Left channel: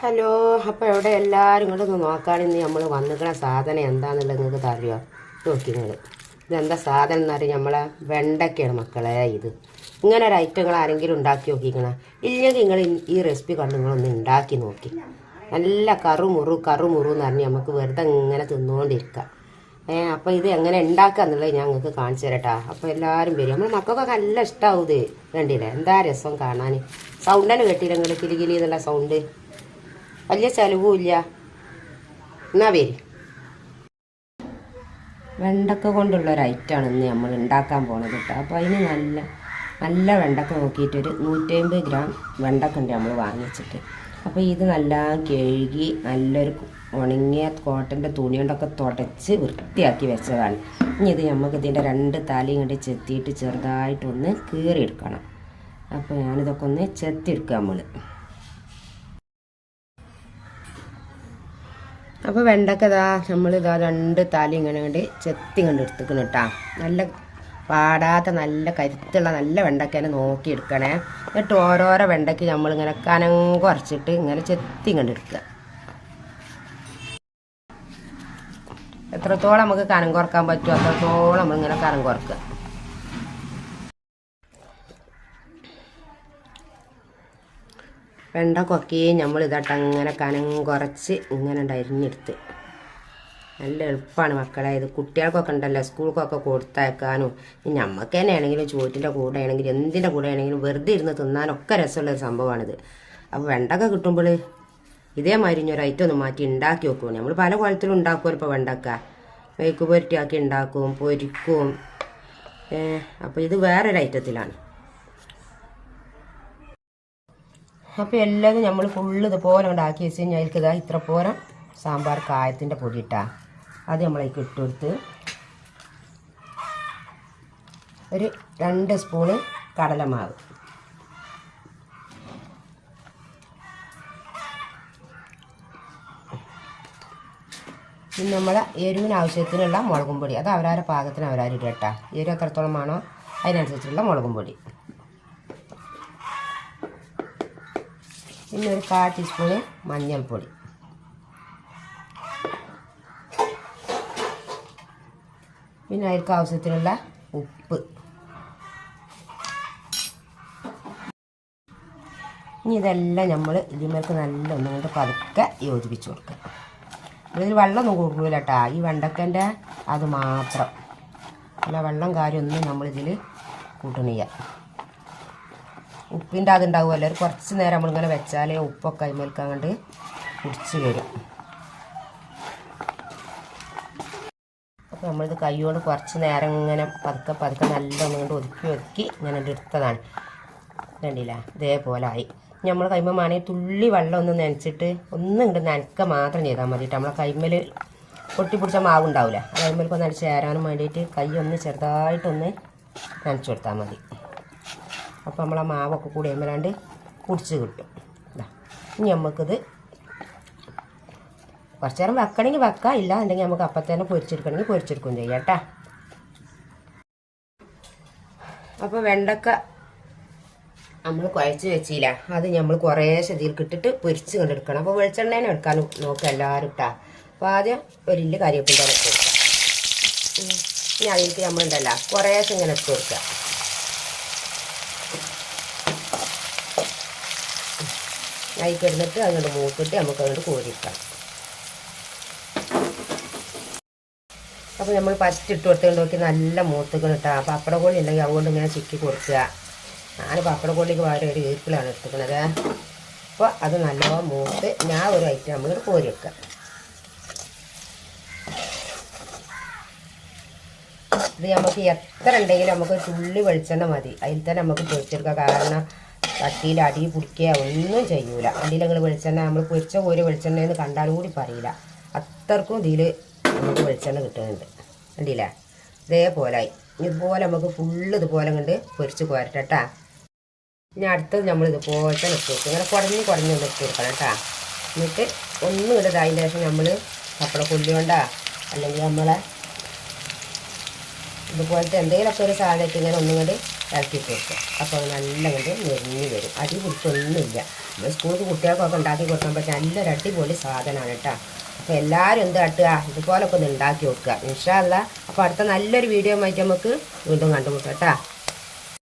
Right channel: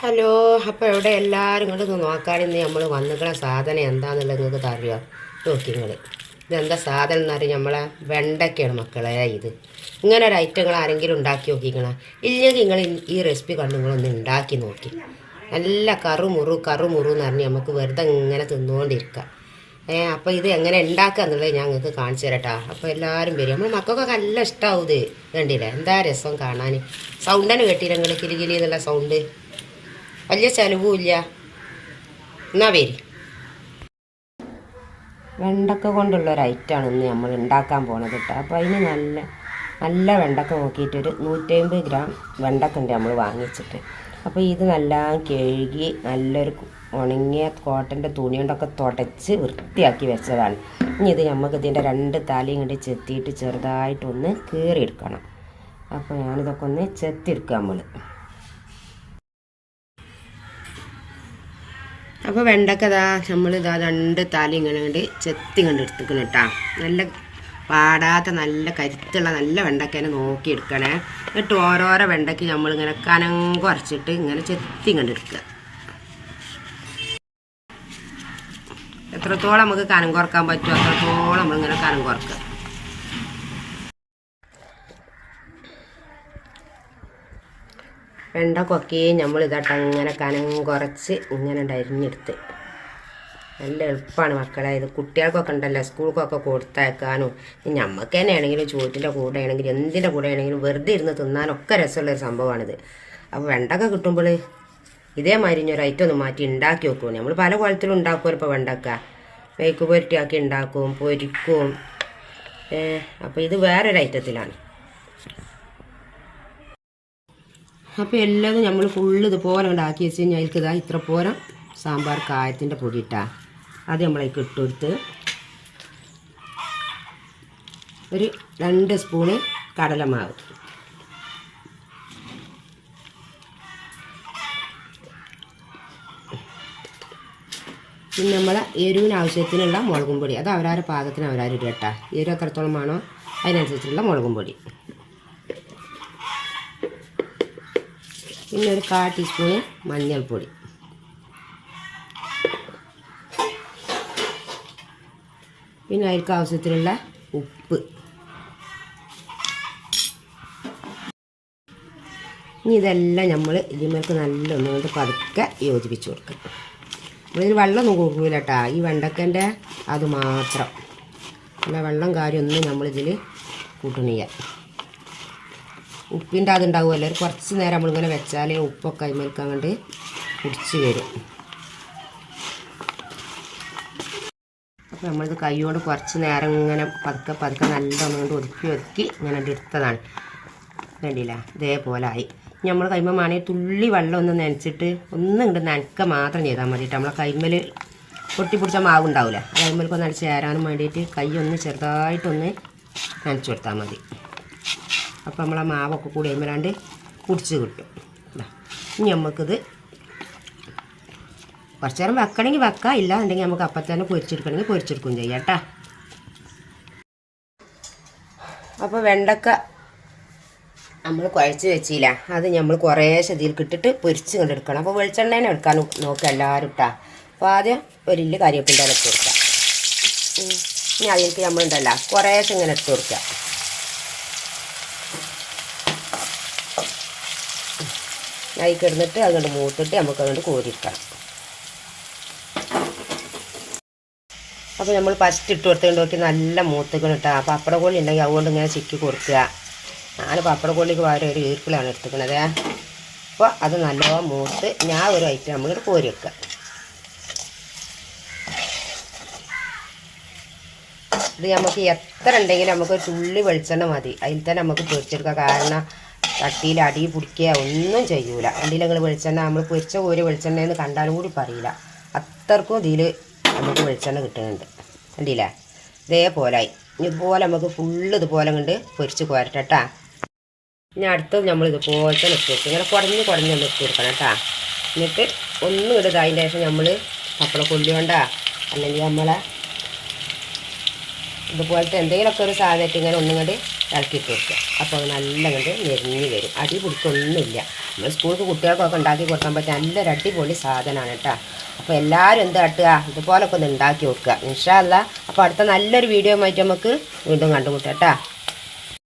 Hello അപ്പോൾ ഇവിടെ എല്ലാവരും ഇങ്ങോട്ട് നോക്കാൻ ഇന്ന് നമ്മൾ വന്നിട്ടുള്ള സാധനം എന്താണെന്നുള്ളത് നിങ്ങൾക്ക് അറിയോ നോക്കി നിങ്ങൾ ഇതെന്താ സാധനം എന്ന് പറഞ്ഞാൽ നമ്മളെ വെണ്ടയ്ക്കാണ് മക്കളെ ഇത്. ഇങ്ങനെ ഒരു ഐറ്റങ്ങൾ ആരെങ്കിലും ഉണ്ടാക്കി നോക്കിക്കണ ഇല്ലെങ്കിൽ നിങ്ങൾ ഈ റെസിപ്പി കണ്ട് നിങ്ങളൊന്ന് ഉണ്ടാക്കി നോക്കി. നല്ല കറുമുറു കറുമുറു എന്ന് പറഞ്ഞ് നമുക്ക് വെറുതെ ഇങ്ങനെ തിന്നുകൊണ്ടിരിക്കാം ഏ അപ്പോൾ ഇത് എങ്ങനെ ഉണ്ടാക്കുക എന്നുള്ളത് ഞാൻ നിങ്ങൾക്ക് കാണിച്ചു തരട്ടാ. അപ്പോൾ എല്ലാവരും വരും. നമ്മൾ മക്കൾക്കൊക്കെ നല്ല ഇഷ്ടമാവും ഇത്. കണ്ടില്ലേ? എന്താ രസം കാണാൻ സൗണ്ടന്നെ കേട്ടില്ല നിങ്ങൾ കിലി എന്നുള്ള സൗണ്ട് വലിയ ചിലവും ഇല്ല. എന്നാ പേര് വെണ്ടക്ക കൊണ്ടുള്ള ഒരു ഐറ്റമാണ് ഇന്ന് നമ്മൾ ഉണ്ടാക്കാൻ പോണത് കേട്ടോ. അപ്പോൾ അതിന് നല്ല നല്ല വെണ്ടക്ക നോക്കിയിട്ടൊരു നൂറ്റമ്പത് ഗ്രാം വെണ്ടക്ക ഉണ്ട് നമ്മൾ വാങ്ങിച്ചിട്ട്. അപ്പോൾ ഇത് നല്ല കഴുകി നല്ലൊരു ഉണങ്ങിയ കോട്ടന്റെ തുണി കൊണ്ടൊക്കെ തുടച്ച് വൃത്തിയാക്കി വെച്ചതാണ്. ഇനി ഇത് നമുക്ക് ഇതിന്റെ രണ്ട് തലയും കണ്ടി ചെത്തിയിട്ട് ചെറുതായിട്ടൊന്ന് കീറിയെടുക്കണം. അപ്പോൾ ഞാനിതൊക്കെ ഒന്ന് ചെത്തിയെടുക്കുക നമ്മൾ അപ്പോൾ വെണ്ടക്ക ഇതാ നമ്മൾ ഇതാ രണ്ട് തല ഇങ്ങനെ കണ്ട് ചെത്തി കണ്ട് എടുത്തിക്കണം കേട്ടാ നല്ല പാടാത്ത നല്ല കരുത്തുള്ള നല്ല വെണ്ടക്കേനെ നോക്കി എടുക്കണേ. എന്നിട്ട് ഓരോരോ വെണ്ടയ്ക്ക് നമ്മളിങ്ങനെ കനം കുറച്ചിട്ട് ഇങ്ങനെ ചെത്തി കണ്ട് എടുക്കുക. എത്രത്തോളം നമുക്ക് കനം കുറയ്ക്കാൻ പറ്റുമോ അത്രത്തോളം നമ്മളിങ്ങനെ കനം കുറക്കുക. വെണ്ടക്കൊക്കെ നമ്മൾ ഇതട്ട് അങ്ങനെ കനം കുറച്ച് ഇങ്ങനെ ഉണ്ട് അരിഞ്ഞെടുത്ത്. നല്ല എളുപ്പമാണ് മക്കളെ. ഇത് കുട്ടികൾക്കൊക്കെ ഉണ്ടല്ലോ സ്കൂൾക്കൊക്കെ കൊടുത്തയക്കാനും. നമുക്ക് തന്നെ ആണെങ്കിലും ചോറ്റിന്റെ കൂടെ ആണെങ്കിലും എന്തിന്റെ കൂടെ ആണെങ്കിലും വെറുതെ ഇരുന്ന് തിന്നാനൊക്കെ രസമുള്ളൊരു സംഭവമാണിത്. അപ്പോൾ വെണ്ടൊക്കെ കിട്ടുമ്പോൾ ഇതേമാതിരി ഇനി ഒരു ഐറ്റം ഒന്ന് മാറ്റി ഉണ്ടാക്കി വെക്കും. നമ്മൾ പല കുളത്തിലും ഉണ്ടാക്കും ഇപ്പോൾ വെണ്ടക്ക. വേക്ക് പൊരട്ടിയാക്കി ഉണ്ടാക്കും പൊരിക്കും. അപ്പോൾ ഇത് വേറൊരു ഐറ്റത്തിലാണ് അപ്പോൾ എല്ലാം നമ്മൾ ഫുള്ള് ഇതുപോലെ ഉണ്ടാക്കി വെച്ച് കഴിഞ്ഞാൽ അതിൽക്ക് ഇതാ ഇത്ര പോരം സാമ്പാർ കായത്തിന്റെ പൊടി ഇട്ടാ അത് നമ്മളതിലേക്ക് ഇട്ട് കൊടുത്ത് ഒരു രണ്ട് സ്പൂണ് കടലമാവ്. പിന്നെ നമ്മൾ എരിവിന് ആവശ്യത്തിനുള്ള മുളകും പൊടി. അത് അവരാരുടെ പാകത്തിന് അവരാരും ഇടട്ടാ എരിവ് എത്രത്തോളം അതിനനുസരിച്ചുള്ള മുളകും പൊടി. പിന്നെ ഒരു കാ ടീസ്പൂണ് മഞ്ഞൾപ്പൊടി. പിന്നെ അതിൽക്ക് ആവശ്യത്തിനുള്ള ഉപ്പ്. ഇനി ഇതെല്ലാം നമ്മൾ ഇതിലേക്ക് നല്ല ഒന്നുകൊണ്ട് പതുക്കെ യോജിപ്പിച്ച് കൊടുക്കാം. ഇതിൽ വെള്ളമൊന്നും കൊടുക്കില്ല കേട്ടോ ഈ വെണ്ടക്കന്റെ അത് മാത്രം. അല്ല വെള്ളം കാര്യമൊന്നും നമ്മളിതിൽ കൂട്ടണില്ല. ഉപ്പിന്റെ അതുണ്ടാവുമല്ലോ കുറച്ച് നേരം നമ്മളിങ്ങനെ വെച്ചാൽ ഉപ്പൊക്കെ അതിമേൽക്ക് അങ്ങോട്ട് കുടിച്ച് വരും. അപ്പോൾ നമ്മളിത് കൈ കൊണ്ട് കുറച്ച് നേരം ഇങ്ങനെ പതുക്കെ പതുക്കെ നല്ലോണം കൊണ്ട് ഒതുക്കി ഒതുക്കി ഇങ്ങനെ എടുത്തതാണ്. കണ്ടില്ല? ഇതേപോലെ ആയി. നമ്മൾ കൈമ മാണെങ്കിൽ തുള്ളി വെള്ളം ഒന്ന് നനച്ചിട്ട് ഒന്നും ഇങ്ങോട്ട് നനക്ക മാത്രം ചെയ്താൽ മതി നമ്മളെ കൈമൽ പൊട്ടി പിടിച്ച മാവ് ഉണ്ടാവില്ല അടിച്ച് ചേരാനും വേണ്ടിയിട്ട് കൈ ഒന്ന് ചെറുതായിട്ടൊന്ന് നനച്ചു കൊടുത്താൽ മതി. അപ്പോൾ നമ്മൾ ആ മാവൊക്കെ കൂടി കഴിയുമ്പോഴാണ്ട് കുടിച്ച് കിട്ടും. ഇനി നമുക്കിത് കുറച്ച് നേരം വെക്കണമെങ്കിൽ വെക്കാം. ഇല്ല എന്നുണ്ടെങ്കിൽ നമുക്ക് അപ്പം തന്നെ പൊരിച്ചെടുക്കണമെങ്കിൽ പൊരിച്ചെടുക്കുകയും ചെയ്യാം കേട്ടോ. അപ്പോൾ വെണ്ടക്ക നമ്മൾ കുഴച്ച് വെച്ചില്ല. അത് നമ്മൾ കുറേ ശതിയിൽ ഇട്ടിട്ട് പൊരിച്ച് കൊണ്ടെടുക്കണം അപ്പോൾ വെളിച്ചെണ്ണേനെ എടുക്കാൻ നോക്കുക എല്ലാവരും ഇട്ടാ അപ്പോൾ ആദ്യം ഒരു ഇല്ല് കരിവേപ്പിന്റെ ഇട്ട് ഇനി അതിലേക്ക് നമ്മളുണ്ടല്ല കുറേശ്ശെ ഇങ്ങനെ ഇട്ട് കൊടുക്കുക അതിൽ കിടന്നിട്ട് അങ്ങോട്ട് മൂത്തിട്ട് നമുക്ക് അങ്ങോട്ട് കോരിക്കണം അപ്പോൾ നമ്മൾ ഫസ്റ്റ് ഇട്ട് കൊടുത്തുകൊണ്ട് നോക്കി നല്ല മൂത്തുക്കണം കേട്ടോ കോളി ഉണ്ടെങ്കിൽ അതുകൊണ്ട് ഇങ്ങനെ ചിക്കി കൊടുക്കുക. ഞാൻ പപ്പട കോളിക്ക് പകരം ഒരു ഈർക്കിലാണ് എടുത്തിരിക്കുന്നത് അപ്പോൾ അത് നല്ലോണം മൂത്ത് ഞാൻ ഒരു ഐറ്റം നമ്മൾ കോരി വെക്കുക ഇത് നമുക്ക് എത്ര ഉണ്ടെങ്കിലും നമുക്ക് തുള്ളി വെളിച്ചെണ്ണ മതി. അതിൽ തന്നെ നമുക്ക് പൊരിച്ചെടുക്കാം. കാരണം ചട്ടിയിൽ അടി പിടിക്കുക ഒന്നും ചെയ്യൂല. അടിയിൽ നിങ്ങൾ വെളിച്ചെണ്ണ നമ്മൾ പൊരിച്ച കോരി വെളിച്ചെണ്ണ എന്ന് കണ്ടാലും കൂടി പറയില്ല. അത്രക്കും ഇതിൽ നമുക്ക് വെളിച്ചെണ്ണ കിട്ടുന്നുണ്ട്. കണ്ടില്ലേ? ഇതേപോലെ ഇതുപോലെ നമുക്ക് ഫുള്ള് ഇതുപോലെ കണ്ട് പൊരിച്ച് കോരട്ടെട്ടാ ഇനി അടുത്തത് നമ്മൾ ഇതുപോലെ തന്നെ ഇട്ട് കൊടുക്കും ഇങ്ങനെ കുടഞ്ഞ് കുടഞ്ഞ് ഇട്ട് കൊടുക്കണം കേട്ടോ എന്നിട്ട് ഒന്നും ഇടതായതിന്റെ ശേഷം നമ്മൾ പപ്പട കൊല്ലുകൊണ്ടാ അല്ലെങ്കിൽ നമ്മളെ ഇതുപോലത്തെ എന്തെങ്കിലുമൊക്കെ ഒരു സാധനമായിട്ട് ഇങ്ങനെ ഒന്നും കൂടി ഇളക്കിയിട്ട് വെക്കുക. അപ്പോൾ അത് നല്ല കണ്ട് നെരിഞ്ഞ് വരും. അടി പിടിച്ചൊന്നുമില്ല. നമ്മൾ സ്കൂൾക്ക് കുട്ടികൾക്കൊക്കെ ഉണ്ടാക്കി കൊടുക്കാൻ പറ്റിയ നല്ലൊരു അടിപൊളി സാധനമാണ് കേട്ടോ. അപ്പോൾ എല്ലാവരും എന്ത് കാട്ടുക? ഇതുപോലൊക്കെ ഒന്ന് ഉണ്ടാക്കി വെക്കുക. ഇൻഷാല്ല അപ്പോൾ അടുത്ത നല്ലൊരു വീഡിയോ ആയിട്ട് നമുക്ക് വീണ്ടും കണ്ടുമുട്ടാം കേട്ടോ.